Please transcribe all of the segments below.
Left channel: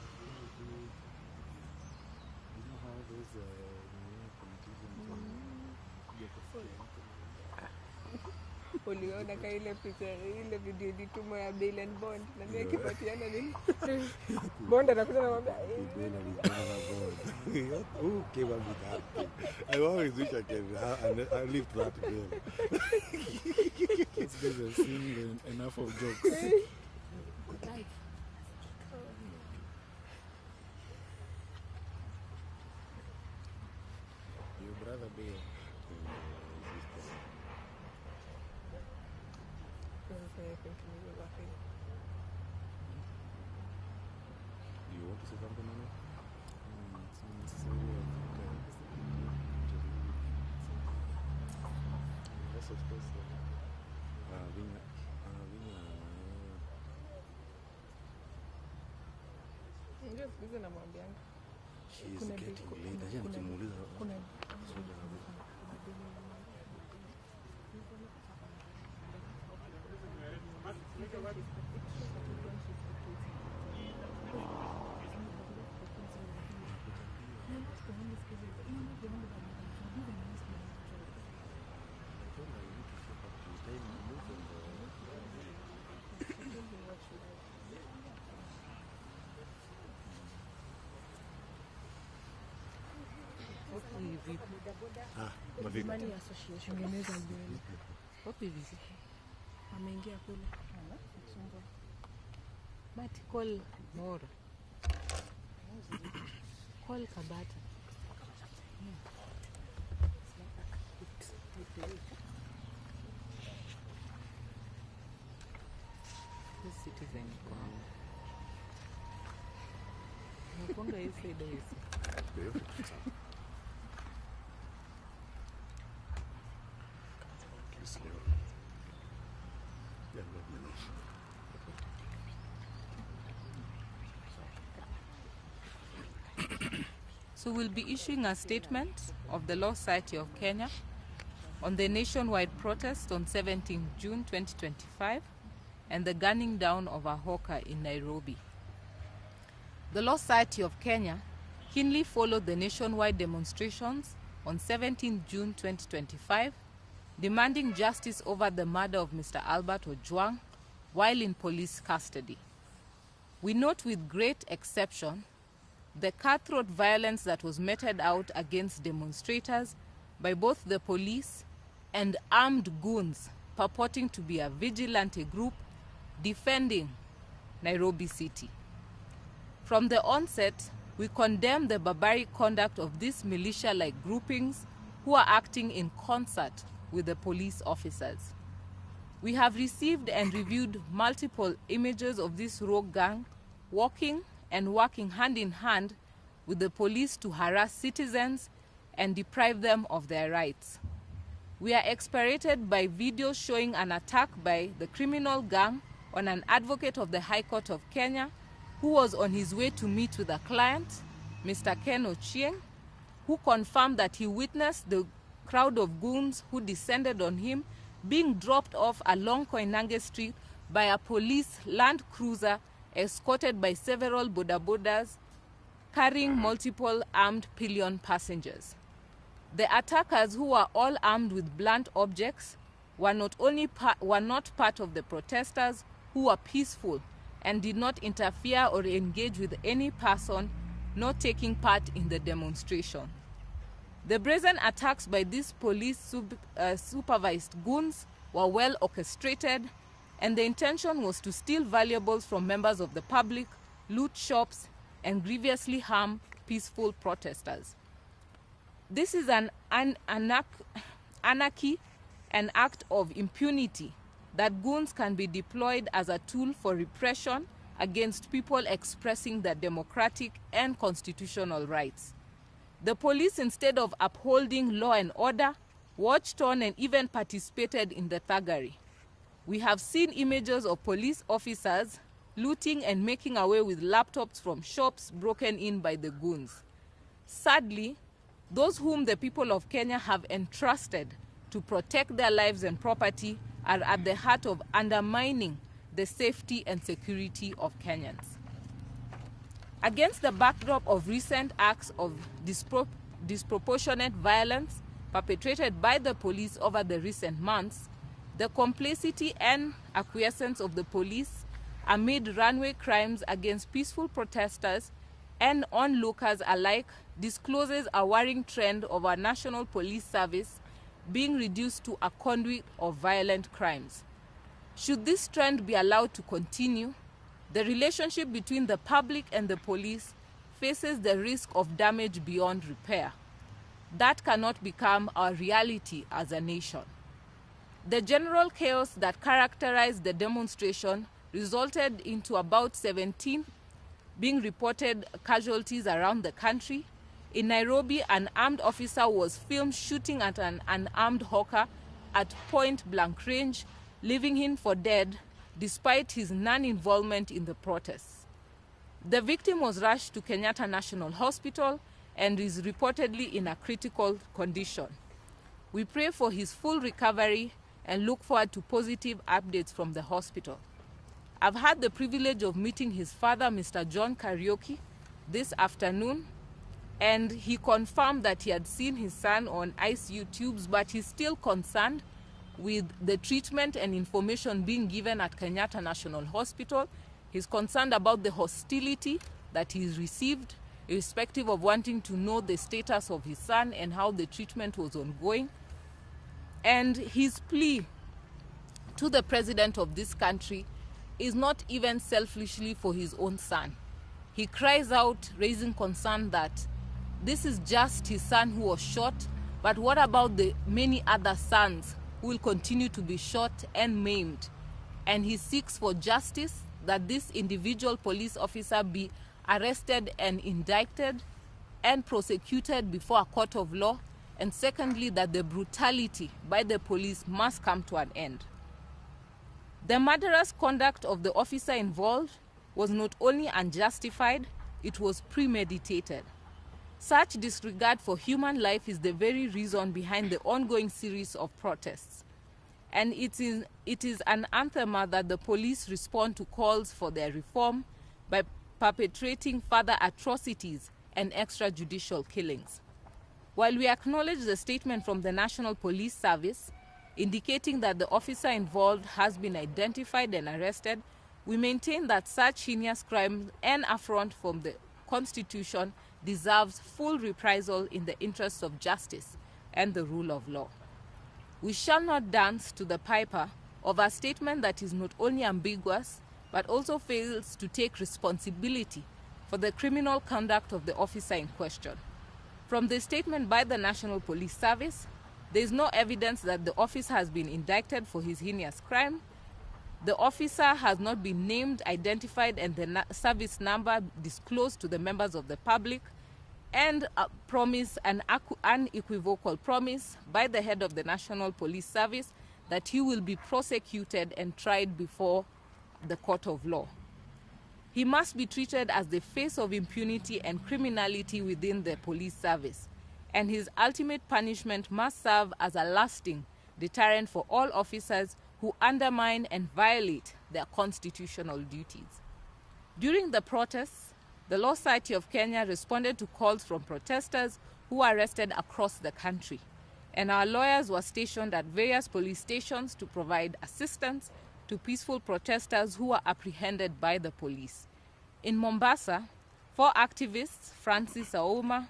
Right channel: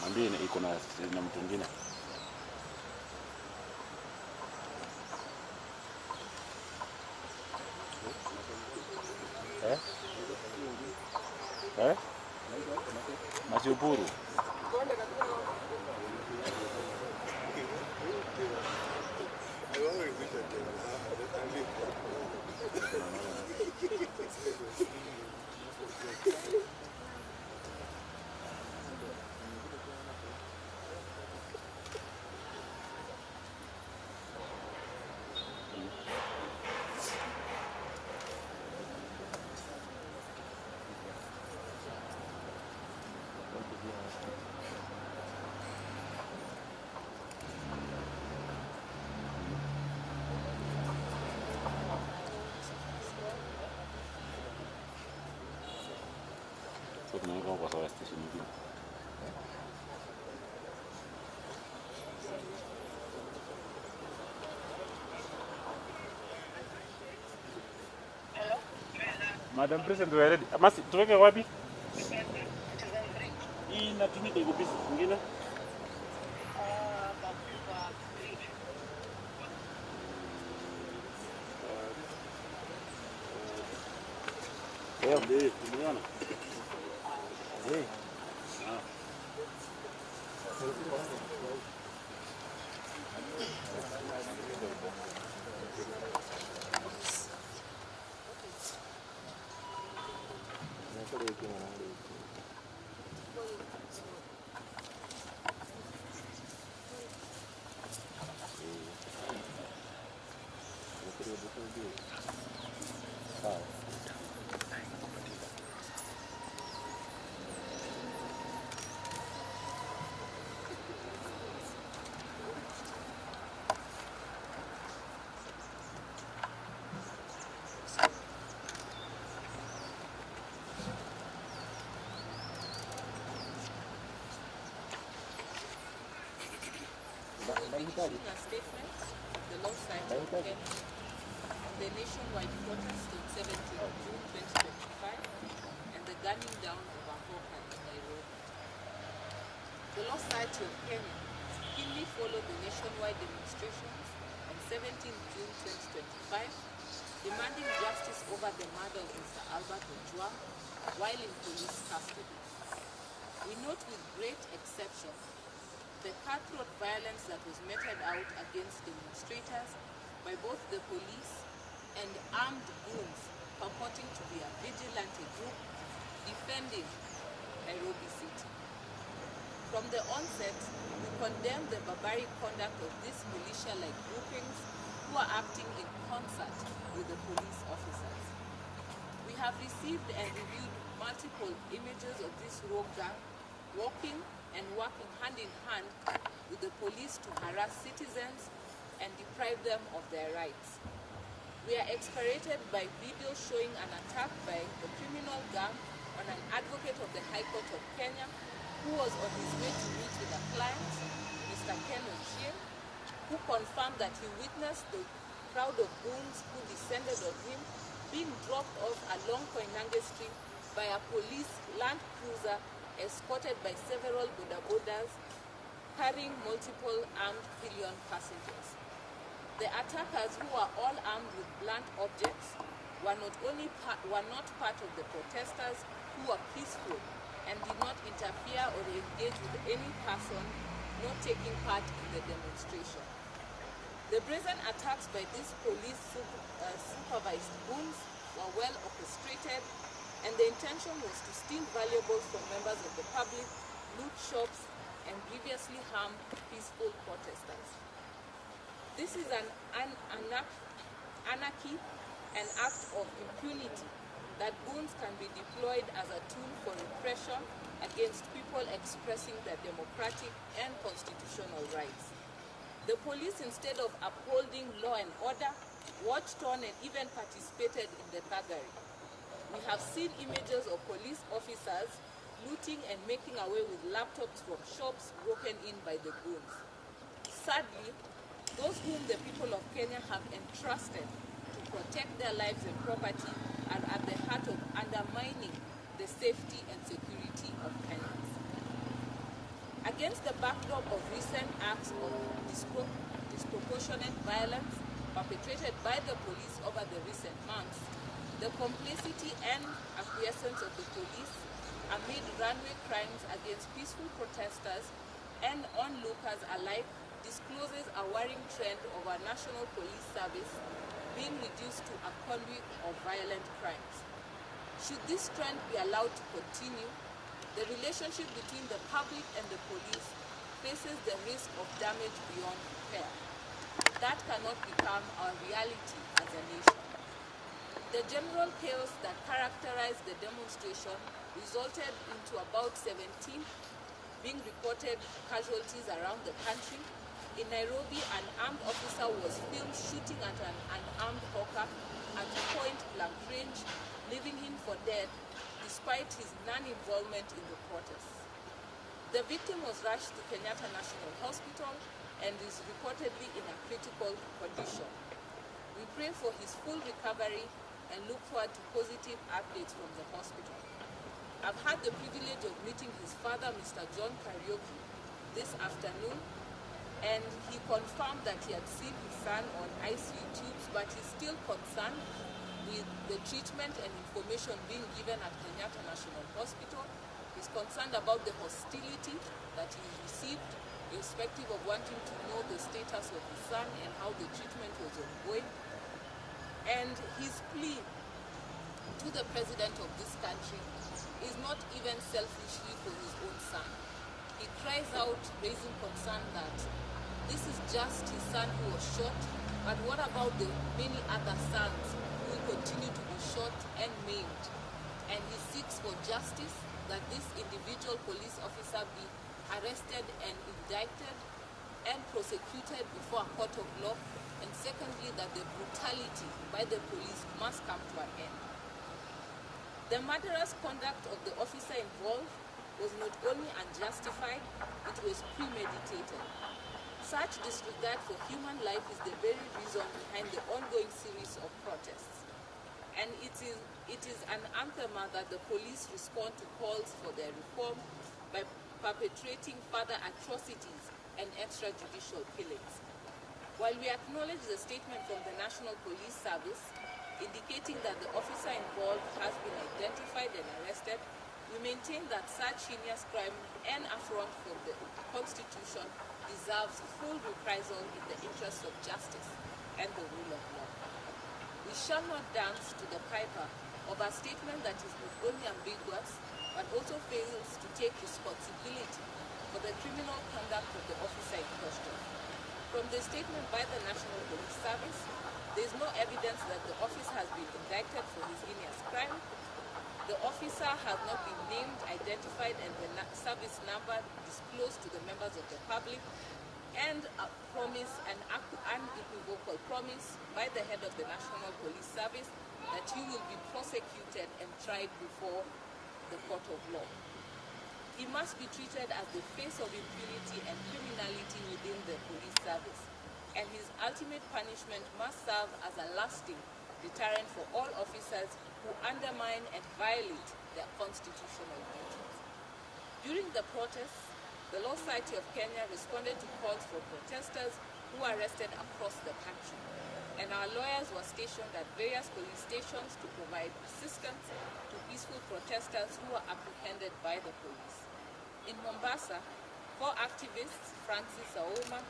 Mwambie iko na mtu mwingine. Masipuri. Bonde na kuna I always wish I live that way. These guys are seeing enough of jokes. Madam President, we are ready. Masi, tuweke wapi? Hii natumika iko pisi nyingine. Ndio, tumeona. So we'll be issuing a statement of the Law Society of Kenya on the nationwide protest on 17 June 2025 and the gunning down of a hawker in Nairobi. The Law Society of Kenya keenly followed the nationwide demonstrations on 17 June 2025, demanding justice over the murder of Mr. Albert Ojwang while in police custody. We note with great exception the cutthroat violence that was meted out against demonstrators by both the police and armed goons purporting to be a vigilante group defending Nairobi City. From the onset, we condemn the barbaric conduct of these militia-like groupings who are acting in concert with the police officers. We have received and reviewed multiple images of this rogue gang walking and working hand in hand with the police to harass citizens and deprive them of their rights. We are exasperated by videos showing an attack by the criminal gang on an advocate of the High Court of Kenya who was on his way to meet with a client, Mr. Ken Ochieng, who confirmed that he witnessed the crowd of goons who descended on him being dropped off along Koinange Street by a police Land Cruiser escorted by several bodabodas carrying multiple armed pillion passengers. The attackers, who were all armed with blunt objects, were not part of the protesters who were peaceful and did not interfere or engage with any person not taking part in the demonstration. The brazen attacks by these police supervised goons were well orchestrated, and the intention was to steal valuables from members of the public, loot shops, and grievously harm peaceful protesters. This is an anarchy an act of impunity that goons can be deployed as a tool for repression against people expressing their democratic and constitutional rights. The police, instead of upholding law and order, watched on and even participated in the thuggery. We have seen images of police officers looting and making away with laptops from shops broken in by the goons. Sadly, those whom the people of Kenya have entrusted to protect their lives and property are at the heart of undermining the safety and security of Kenyans. Against the backdrop of recent acts of disproportionate violence perpetrated by the police over the recent months, the complicity and acquiescence of the police amid runway crimes against peaceful protesters and onlookers alike discloses a worrying trend of our National Police Service being reduced to a conduit of violent crimes. Should this trend be allowed to continue, the relationship between the public and the police faces the risk of damage beyond repair. That cannot become our reality as a nation. The general chaos that characterized the demonstration resulted into about 17 being reported casualties around the country. In Nairobi, an armed officer was filmed shooting at an unarmed hawker at point-blank range, leaving him for dead despite his non-involvement in the protests. The victim was rushed to Kenyatta National Hospital and is reportedly in a critical condition. We pray for his full recovery and look forward to positive updates from the hospital. I've had the privilege of meeting his father, Mr. John Kariuki, this afternoon, and he confirmed that he had seen his son on ICU tubes, but he's still concerned with the treatment and information being given at Kenyatta National Hospital. He's concerned about the hostility that he's received, irrespective of wanting to know the status of his son and how the treatment was ongoing. And his plea to the president of this country is not even selfishly for his own son. He cries out, raising concern that this is just his son who was shot, but what about the many other sons who will continue to be shot and maimed? And he seeks for justice, that this individual police officer be arrested and indicted and prosecuted before a court of law, and secondly, that the brutality by the police must come to an end. The murderous conduct of the officer involved was not only unjustified, it was premeditated. Such disregard for human life is the very reason behind the ongoing series of protests. And it is an anthem that the police respond to calls for their reform by perpetrating further atrocities and extrajudicial killings. While we acknowledge the statement from the National Police Service indicating that the officer involved has been identified and arrested, we maintain that such heinous crime and affront from the Constitution deserves full reprisal in the interests of justice and the rule of law. We shall not dance to the piper of a statement that is not only ambiguous, but also fails to take responsibility for the criminal conduct of the officer in question. From the statement by the National Police Service, there is no evidence that the officer has been indicted for his heinous crime. The officer has not been named, identified, and the service number disclosed to the members of the public, and a promise, an unequivocal promise by the head of the National Police Service that he will be prosecuted and tried before the court of law. He must be treated as the face of impunity and criminality within the police service, and his ultimate punishment must serve as a lasting deterrent for all officers who undermine and violate their constitutional duties. During the protests, the Law Society of Kenya responded to calls from protesters who were arrested across the country, and our lawyers were stationed at various police stations to provide assistance to peaceful protesters who were apprehended by the police. In Mombasa, 4 activists, Francis Auma,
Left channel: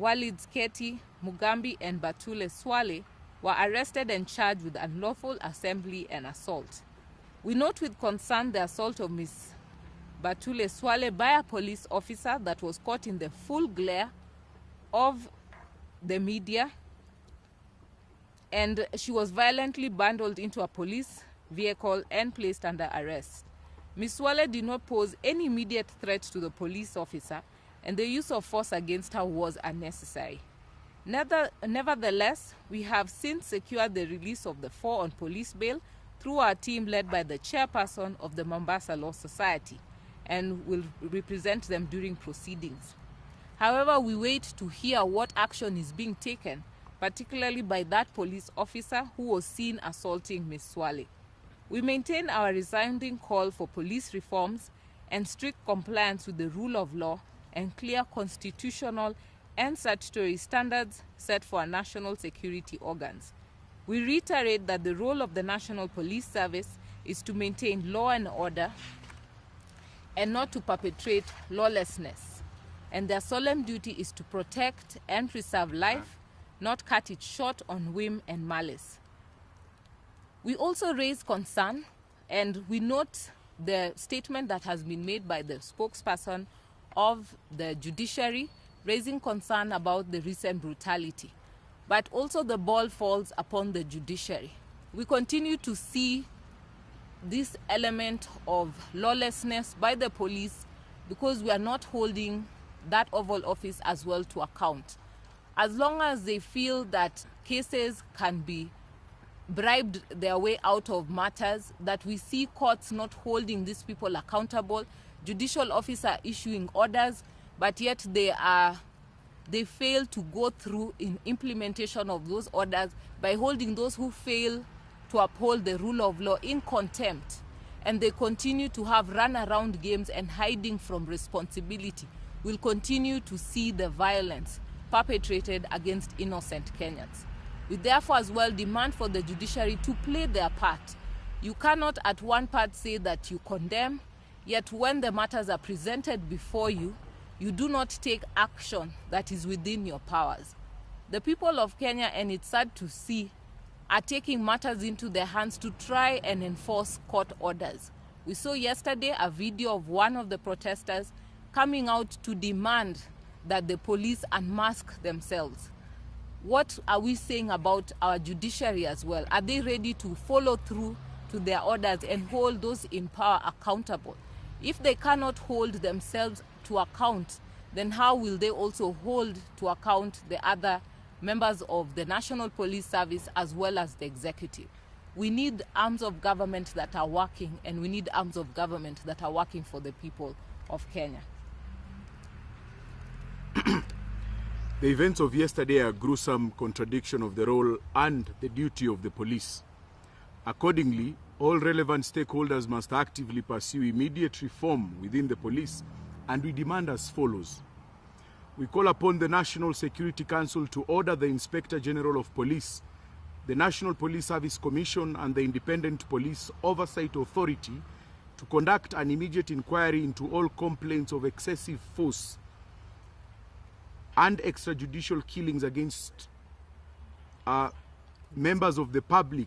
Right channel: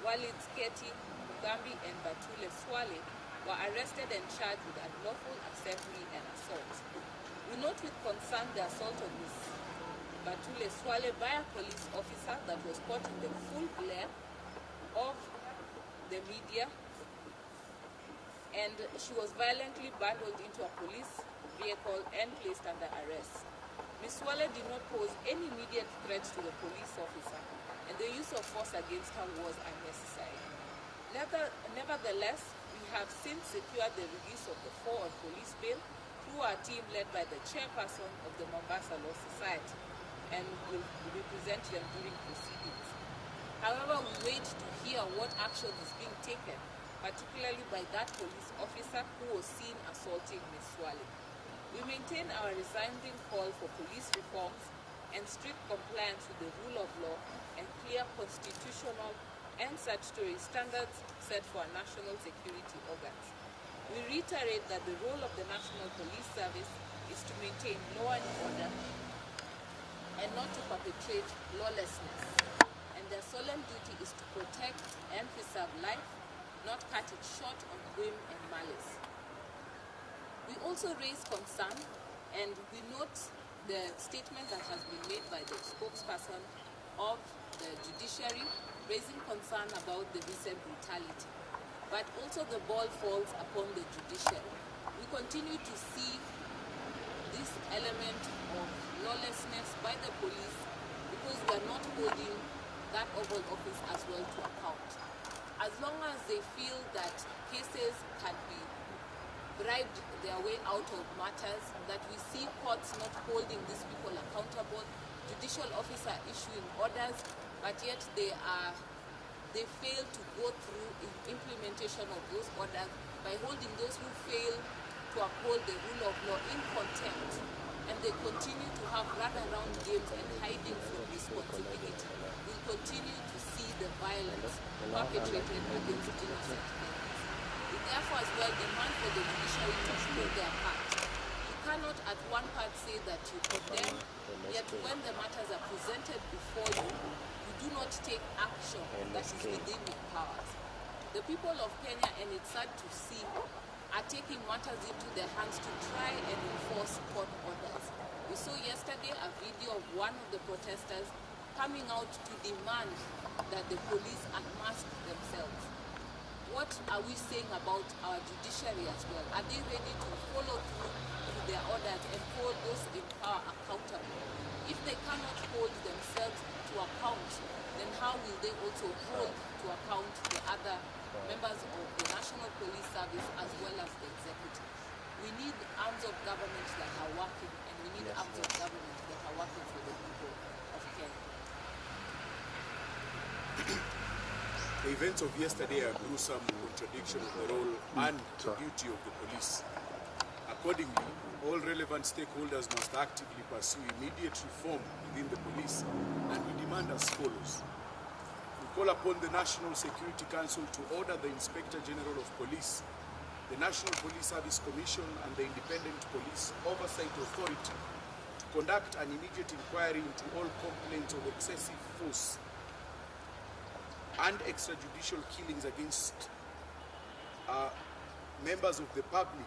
Walid Sketi, Mugambi, and Batule Swale, were arrested and charged with unlawful assembly and assault. We note with concern the assault of Ms. Batule Swale by a police officer that was caught in the full glare of the media and she was violently bundled into a police vehicle and placed under arrest. Ms. Swale did not pose any immediate threat to the police officer, and the use of force against her was unnecessary. Nevertheless, we have since secured the release of the 4 on police bail through our team led by the chairperson of the Mombasa Law Society, and will represent them during proceedings. However, we wait to hear what action is being taken, particularly by that police officer who was seen assaulting Ms. Swale. We maintain our resounding call for police reforms and strict compliance with the rule of law and clear constitutional and statutory standards set for our national security organs. We reiterate that the role of the National Police Service is to maintain law and order and not to perpetrate lawlessness, and their solemn duty is to protect and preserve life, not cut it short on whim and malice. We also raise concern, and we note the statement that has been made by the spokesperson of the judiciary, raising concern about the recent brutality. But also the ball falls upon the judiciary. We continue to see this element of lawlessness by the police because we are not holding that Oval Office as well to account. As long as they feel that cases can be bribed their way out of matters, that we see courts not holding these people accountable, judicial officers issuing orders, but yet they fail to go through in implementation of those orders by holding those who fail to uphold the rule of law in contempt, and they continue to have run-around games and hiding from responsibility. We'll continue to see the violence perpetrated against innocent Kenyans. We therefore as well demand for the judiciary to play their part. You cannot at one part say that you condemn, yet when the matters are presented before you, you do not take action that is within your powers. The people of Kenya, and it's sad to see, are taking matters into their hands to try and enforce court orders. We saw yesterday a video of one of the protesters coming out to demand that the police unmask themselves. What are we saying about our judiciary as well? Are they ready to follow through to their orders and hold those in power accountable? If they cannot hold themselves to account, then how will they also hold to account the other members of the National Police Service as well as the executive? We need arms of government that are working, and we need arms of government that are working for the people of Kenya. The events of yesterday are a gruesome contradiction of the role and the duty of the police. Accordingly, all relevant stakeholders must actively pursue immediate reform within the police, and we demand as follows. We call upon the National Security Council to order the Inspector General of Police, the National Police Service Commission, and the Independent Police Oversight Authority to conduct an immediate inquiry into all complaints of excessive force and extrajudicial killings against members of the public.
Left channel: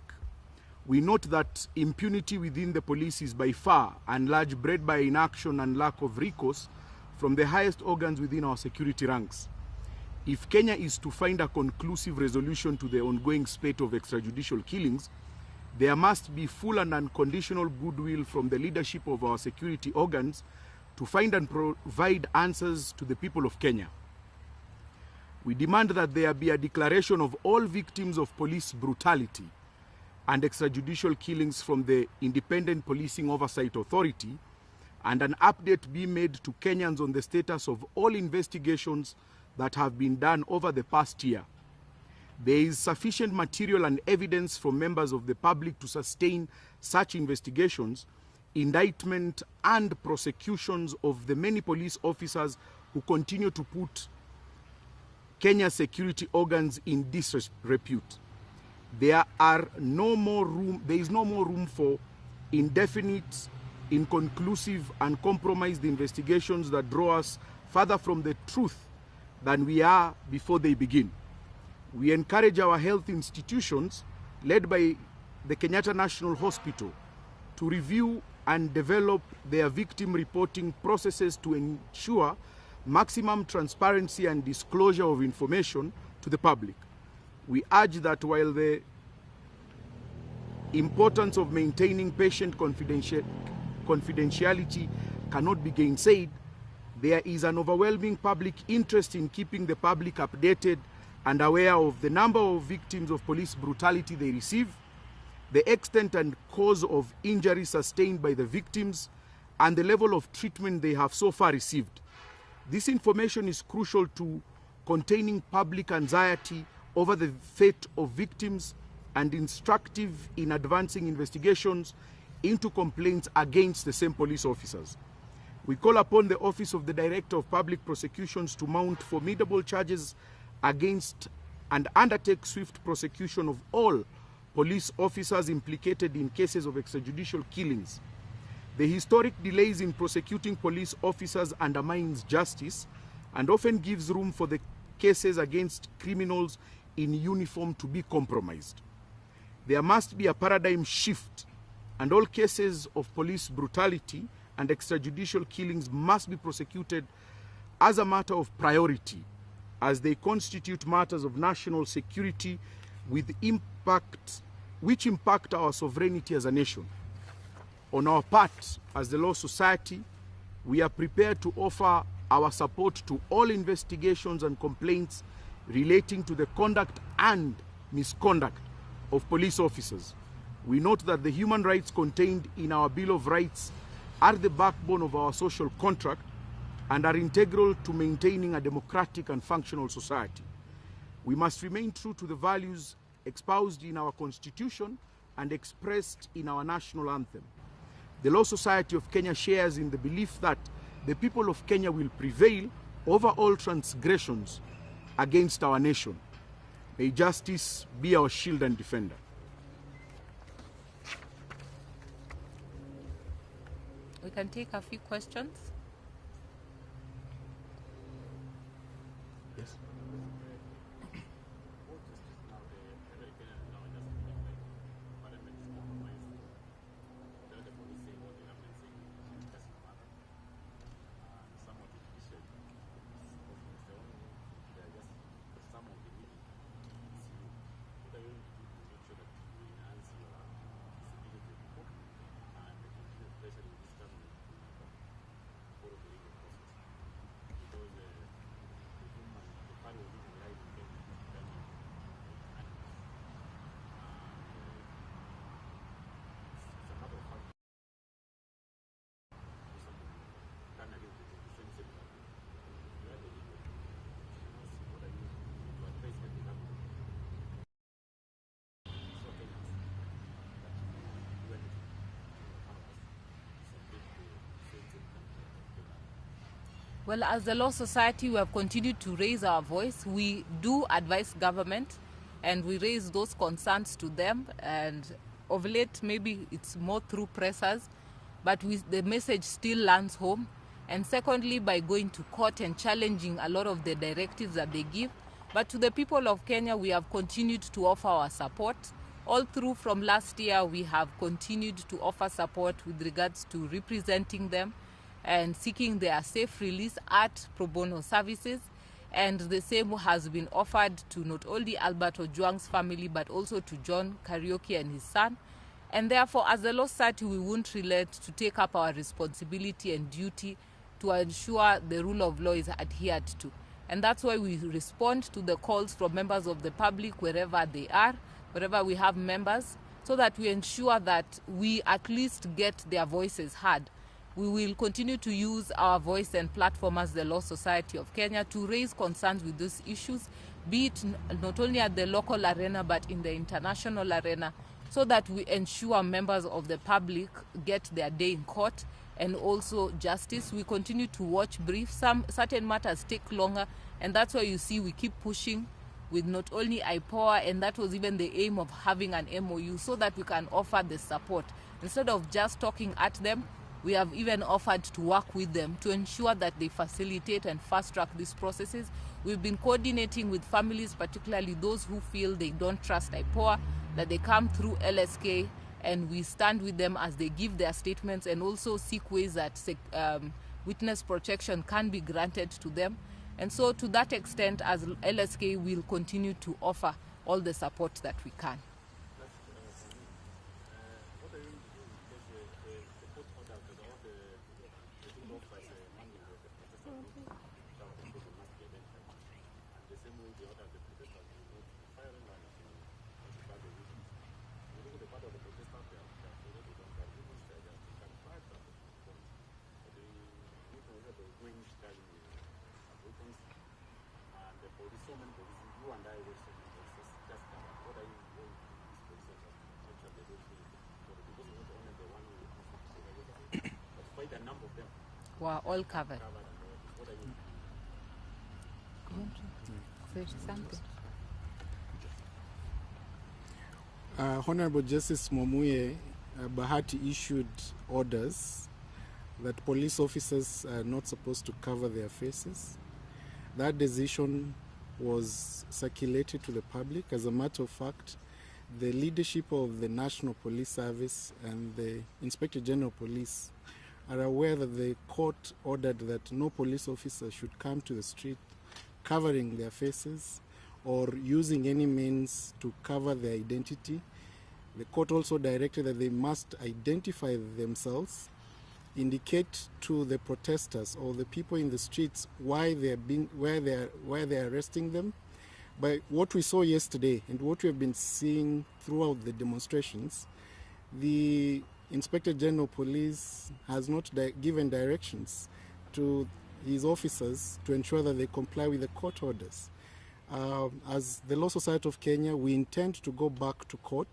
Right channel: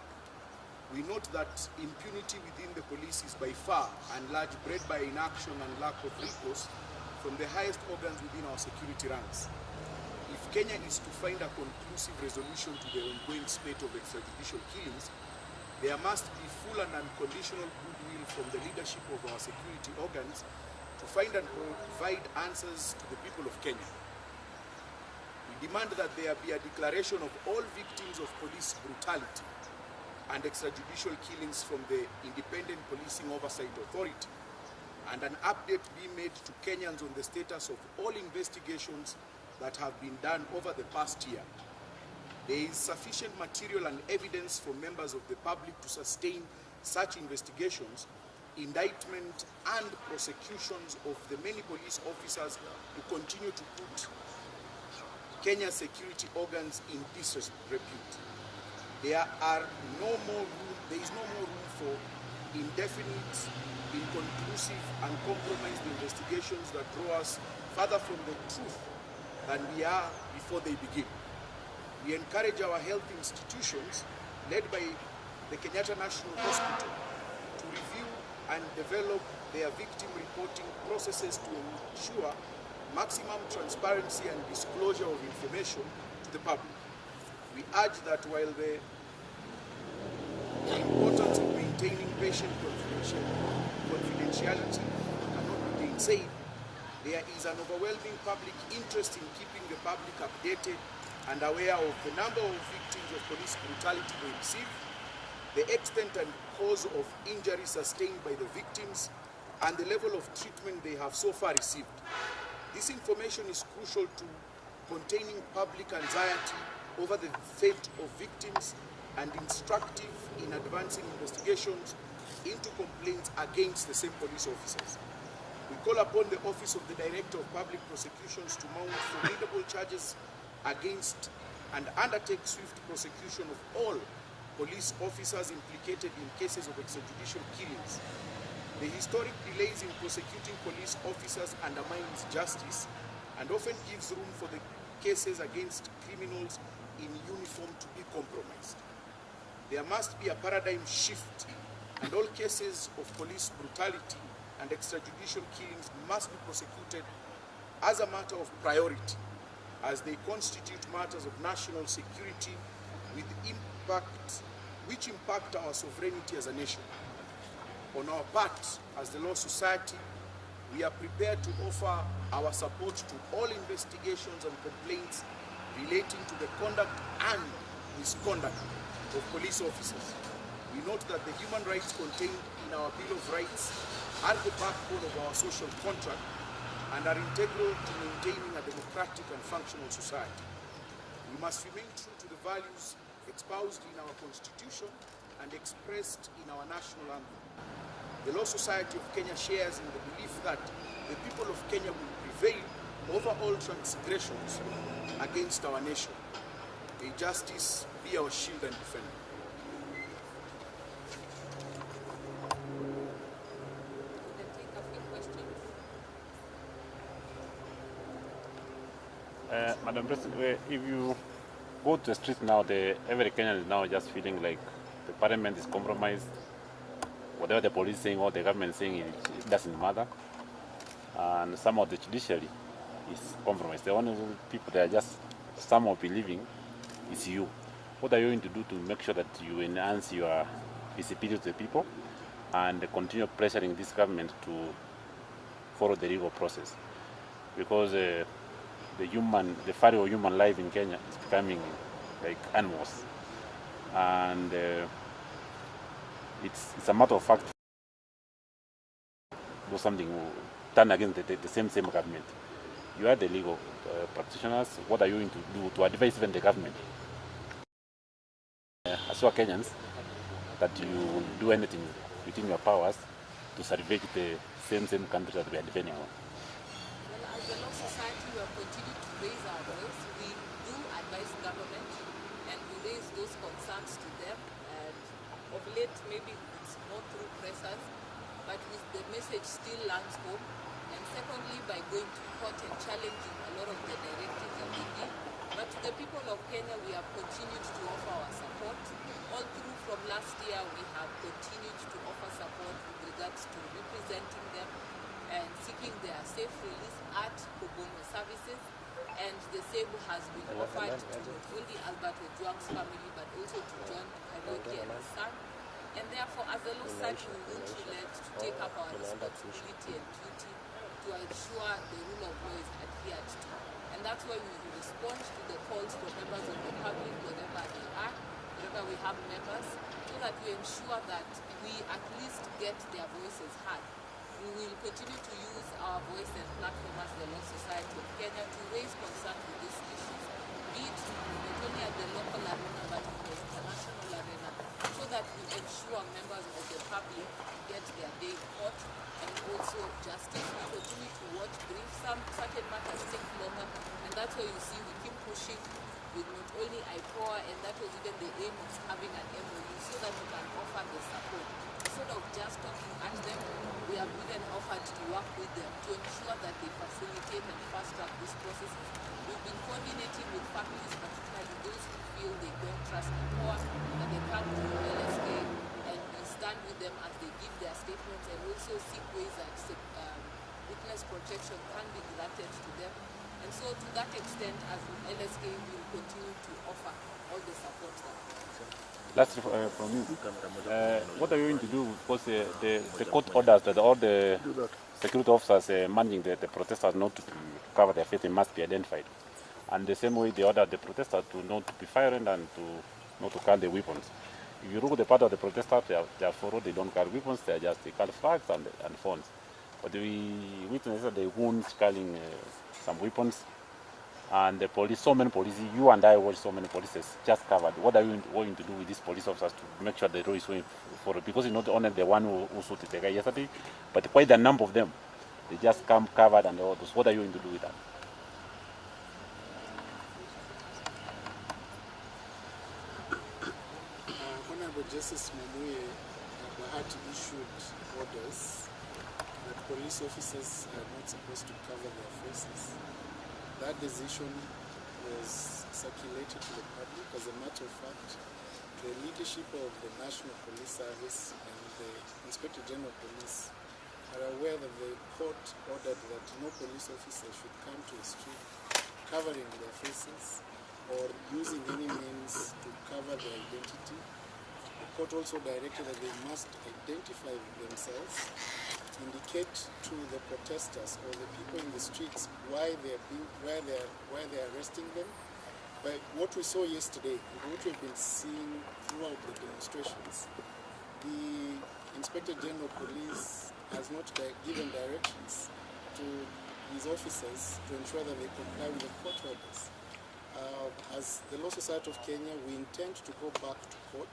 We note that impunity within the police is by far and large bred by inaction and lack of recourse from the highest organs within our security ranks. If Kenya is to find a conclusive resolution to the ongoing spate of extrajudicial killings, there must be full and unconditional goodwill from the leadership of our security organs to find and provide answers to the people of Kenya. We demand that there be a declaration of all victims of police brutality and extrajudicial killings from the Independent Policing Oversight Authority, and an update be made to Kenyans on the status of all investigations that have been done over the past year. There is sufficient material and evidence for members of the public to sustain such investigations, indictment and prosecutions of the many police officers who continue to put Kenya's security organs in disrepute. There is no more room for indefinite, inconclusive and compromised investigations that draw us further from the truth than we are before they begin. We encourage our health institutions, led by the Kenyatta National Hospital, to review and develop their victim reporting processes to ensure maximum transparency and disclosure of information to the public. We urge that while the importance of maintaining patient confidentiality cannot be gainsaid. There is an overwhelming public interest in keeping the public updated and aware of the number of victims of police brutality they receive, the extent and cause of injury sustained by the victims, and the level of treatment they have so far received. This information is crucial to containing public anxiety over the fate of victims and instructive in advancing investigations into complaints against the same police officers. We call upon the Office of the Director of Public Prosecutions to mount formidable charges against and undertake swift prosecution of all police officers implicated in cases of extrajudicial killings. The historic delays in prosecuting police officers undermines justice and often gives room for the cases against criminals in uniform to be compromised. There must be a paradigm shift, and all cases of police brutality and extrajudicial killings must be prosecuted as a matter of priority, as they constitute matters of national security which impact our sovereignty as a nation. On our part, as the Law Society, we are prepared to offer our support to all investigations and complaints relating to the conduct and misconduct of police officers. We note that the human rights contained in our Bill of Rights are the backbone of our social contract and are integral to maintaining a democratic and functional society. We must remain true to the values espoused in our Constitution and expressed in our national anthem. The Law Society of Kenya shares in the belief that the people of Kenya will prevail over all transgressions against our nation. May justice be our shield and defender. We can take a few questions. Madam President, if you go to the street now, every Kenyan is now just feeling like the parliament is compromised. Whatever the police saying or the government saying, it doesn't matter. And some of the judiciary is compromised. The only people that are just somehow believing is you. What are you going to do to make sure that you enhance your visibility to the people and continue pressuring this government to follow the legal process? Because the value of human life in Kenya is becoming like animals, and it's a matter of fact do something done against the same government. You are the legal practitioners. What are you going to do to advise even the government, as well Kenyans, that you will do anything within your powers to salvage the same country that we are defending on? Well, as the Law Society, we have continued to raise our voice. We do advise government and we raise those concerns to them, and of late maybe it's more through pressers, but the message still lands home. And secondly, by going to court and challenging a lot of the directives that they give. But to the people of Kenya, we have continued to offer our support. All through from last year, we have continued to offer support with regards to representing them and seeking their safe release at pro bono services. And the same has been offered to not only Albert Ojwang's family, but also to John Kariuki and his son. And therefore, as the Law Society, we won't relent to take up our responsibility and duty to ensure the rule of law is adhered to. And that's why we respond to the calls from members of the public wherever they are, wherever we have members, so that we ensure that we at least get their voices heard. We will continue to use our voice and platform as the Law Society of Kenya to raise concerns with these issues, be it not only at the local arena but in the international arena, so that we ensure members of the public get their day in court and also justice. We continue to watch briefs. Certain matters take longer, and that's why you see we keep pushing with not only IPOA, and that was even the aim of having an MOU, so that we can offer the support. Instead of just talking at them, we have even offered to work with them to ensure that they facilitate and fast-track these processes. We've been coordinating with families, particularly those who feel they don't trust IPOA, that they come through LSK, and we stand with them as they give their statements and also seek ways that witness protection can be granted to them. And so to that extent, as LSK, we'll continue to offer all the support that we can. Last from you. What are you going to do? Because the court orders that all the security officers managing the protesters not to cover their face must be identified. And the same way they order the protesters to not be firing and to not to carry the weapons. If you look at the part of the protesters, they are forward, they don't carry weapons, they carry flags and phones. But we witnessed that the wounds carrying some weapons. And the police, so many police, you and I watch so many polices just covered. What are you going to do with these police officers to make sure the road is going forward? Because it's not only the one who shot the guy yesterday, but quite a number of them. Wow, They just come covered and all those. What are you going to do with that? Honorable Justice Mumuye Bahati issued orders that police officers are not supposed to cover their faces. That decision was circulated to the public. As a matter of fact, the leadership of the National Police Service and the Inspector General Police are aware that the court ordered that no police officer should come to the street covering their faces or using any means to cover their identity. The court also directed that they must identify themselves, indicate to the protesters or the people in the streets why they're arresting them. By what we saw yesterday and what we've been seeing throughout the demonstrations, the Inspector General Police has not given directions to these officers to ensure that they comply with the court orders. As the Law Society of Kenya, we intend to go back to court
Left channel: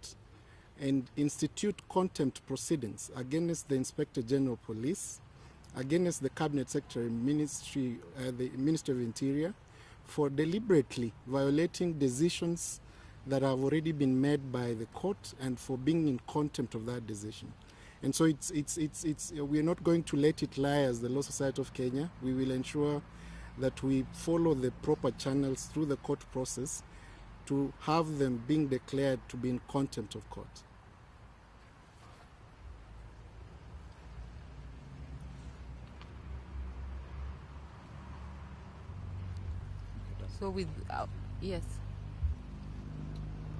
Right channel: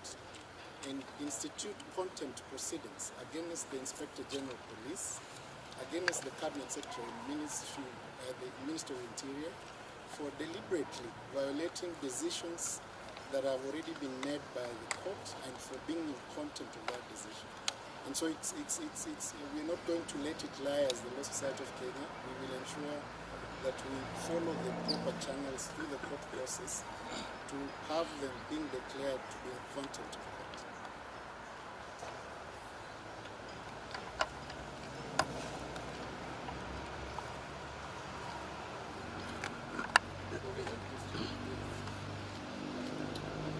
and institute contempt proceedings against the Inspector General Police, against the Cabinet Secretary, the Ministry of Interior, for deliberately violating decisions that have already been made by the court and for being in contempt of that decision. And so we're not going to let it lie as the Law Society of Kenya. We will ensure that we follow the proper channels through the court process to have them being declared to be in contempt of court. So with yes.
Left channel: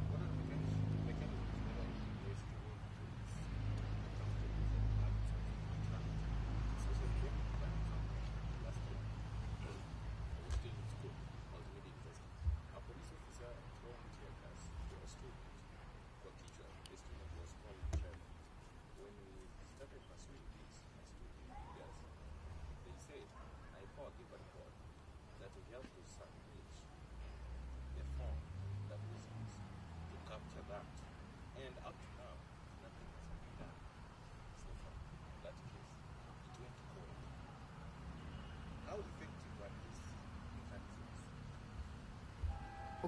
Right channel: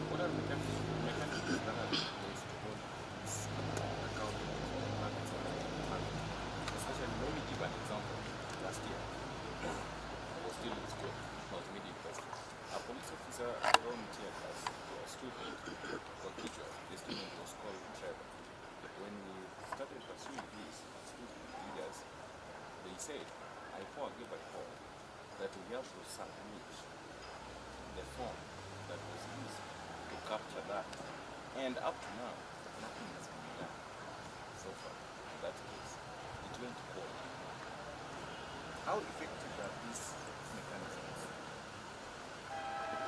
What are the mechanisms that are in place to hold accountable for acts of violence? Especially, let me give an example. Last year, I was still in school. I was mid-university. A police officer threw tear gas to a student for teacher. The student was called Trevor. When we started pursuing this as student leaders, they said, I gave a call that we have to submit the form that was used to capture that. And up to now, nothing has been done so far in that case. It went to court. How effective are these mechanisms?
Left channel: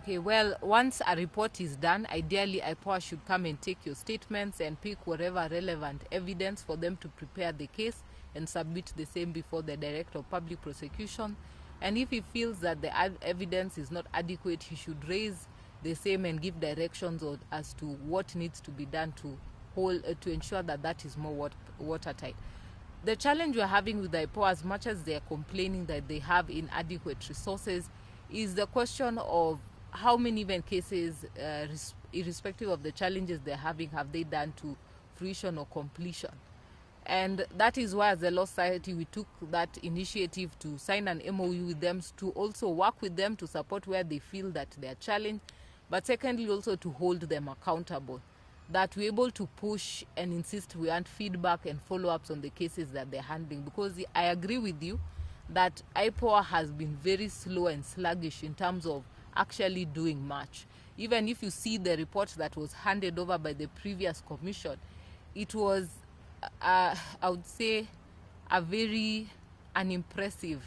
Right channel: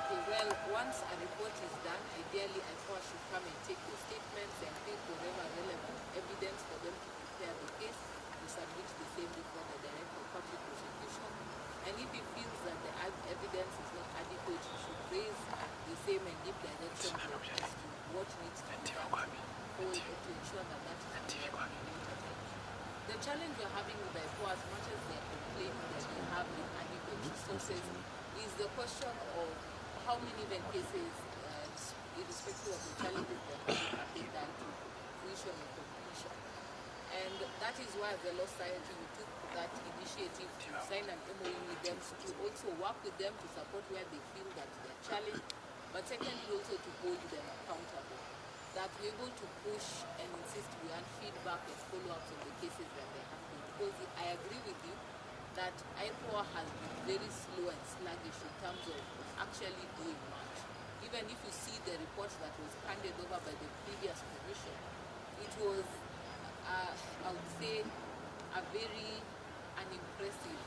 Okay, well, once a report is done, ideally IPOA should come and take your statements and pick whatever relevant evidence for them to prepare the case and submit the same before the Director of Public Prosecution. And if he feels that the evidence is not adequate, he should raise the same and give directions as to what needs to be done to ensure that that is more watertight. The challenge we are having with IPOA, as much as they are complaining that they have inadequate resources, is the question of how many event cases, irrespective of the challenges they're having, have they done to fruition or completion. And that is why, as the Law Society, we took that initiative to sign an MOU with them to also work with them to support where they feel that they are challenged, but secondly also to hold them accountable, that we're able to push and insist we want feedback and follow-ups on the cases that they're handling. Because I agree with you that IPOA has been very slow and sluggish in terms of actually doing much. Even if you see the report that was handed over by the previous commission, it was I would say a very unimpressive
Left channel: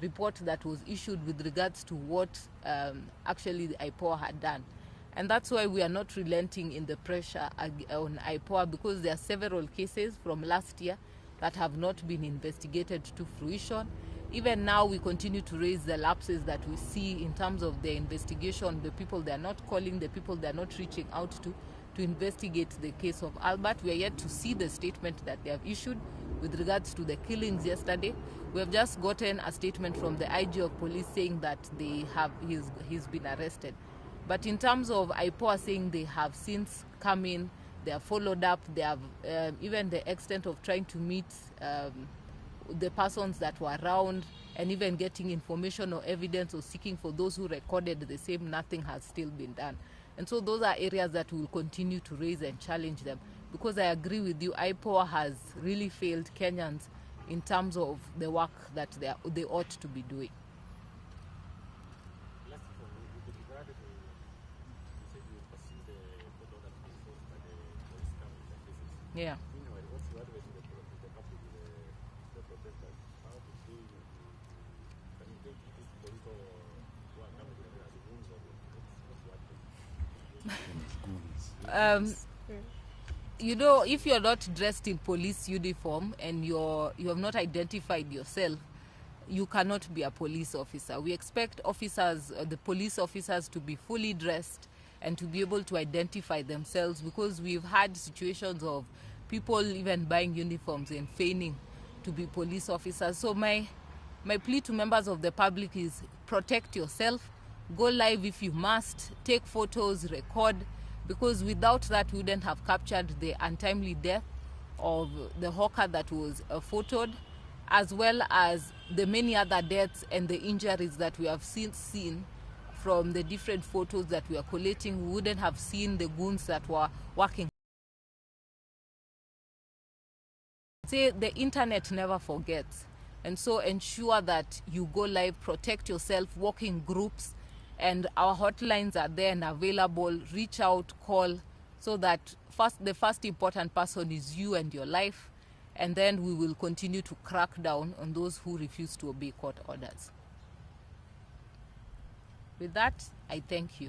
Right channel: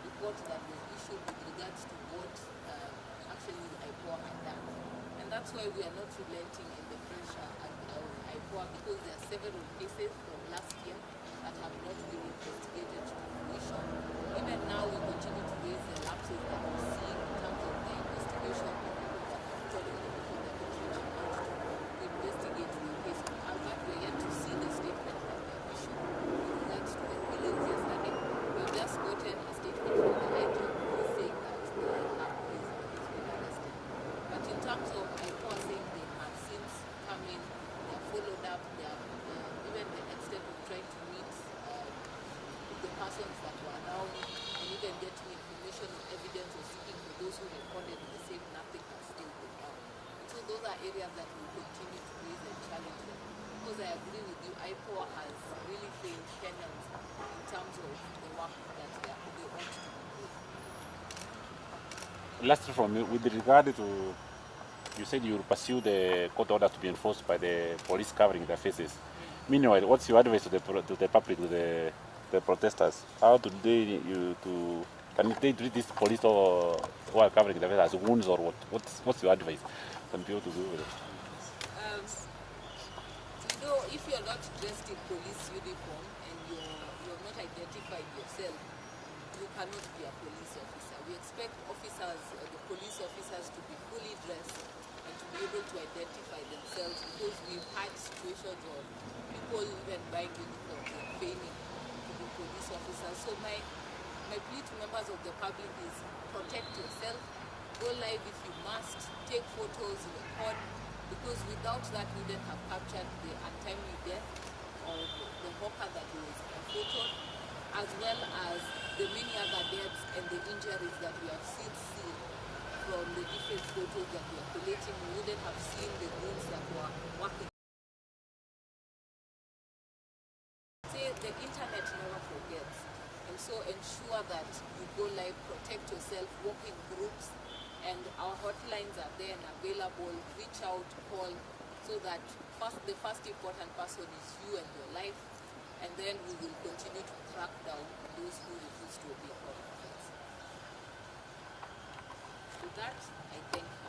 report that was issued with regards to what actually the IPOA had done. And that's why we are not relenting in the pressure on IPOA, because there are several cases from last year that have not been investigated to fruition. Even now we continue to raise the lapses that we see in terms of the investigation, the people they're not calling, the people they're not reaching out to investigate the case of Albert. We are yet to see the statement that they have issued with regards to the killings yesterday. We have just gotten a statement from the IG of police saying that he's been arrested. But in terms of IPOA saying they have since come in, they are followed up, they have even the extent of trying to meet the persons that were around, and even getting information or evidence or seeking for those who recorded the same. Nothing has still been done. And so those are areas that we will continue to raise and challenge them, because I agree with you, IPOA has really failed Kenyans in terms of the work that they ought to be doing. Lastly from you, with regard to, you said you will pursue the court order to be enforced by the police covering their faces. Yeah. Meanwhile, what's your advice to the public, to the protesters? How do can they treat this police or who are covering their faces as wounds, or what? What's your advice? Can people to do with it? You know, if you're not dressed in police uniform and you have not identified yourself, you cannot be a police officer. We expect officers, the police officers, to be fully dressed and to be able to identify themselves, because we've had situations of people even buying uniforms and feigning to be police officers. So my plea to members of the public is protect yourself, go live if you must, take photos, record, because without that we wouldn't have captured the untimely death of the hawker that was photoed, as well as the many other deaths and the injuries that we have still seen from the different photos that we are collating. We wouldn't have seen the goons that were working. Say the internet never forgets, and so ensure that you go live, protect yourself, work in groups, and our hotlines are there and available. Reach out, call, so that the first important person is you and your life, and then we will continue to crack down on those who refuse to obey court orders. With that, I thank you.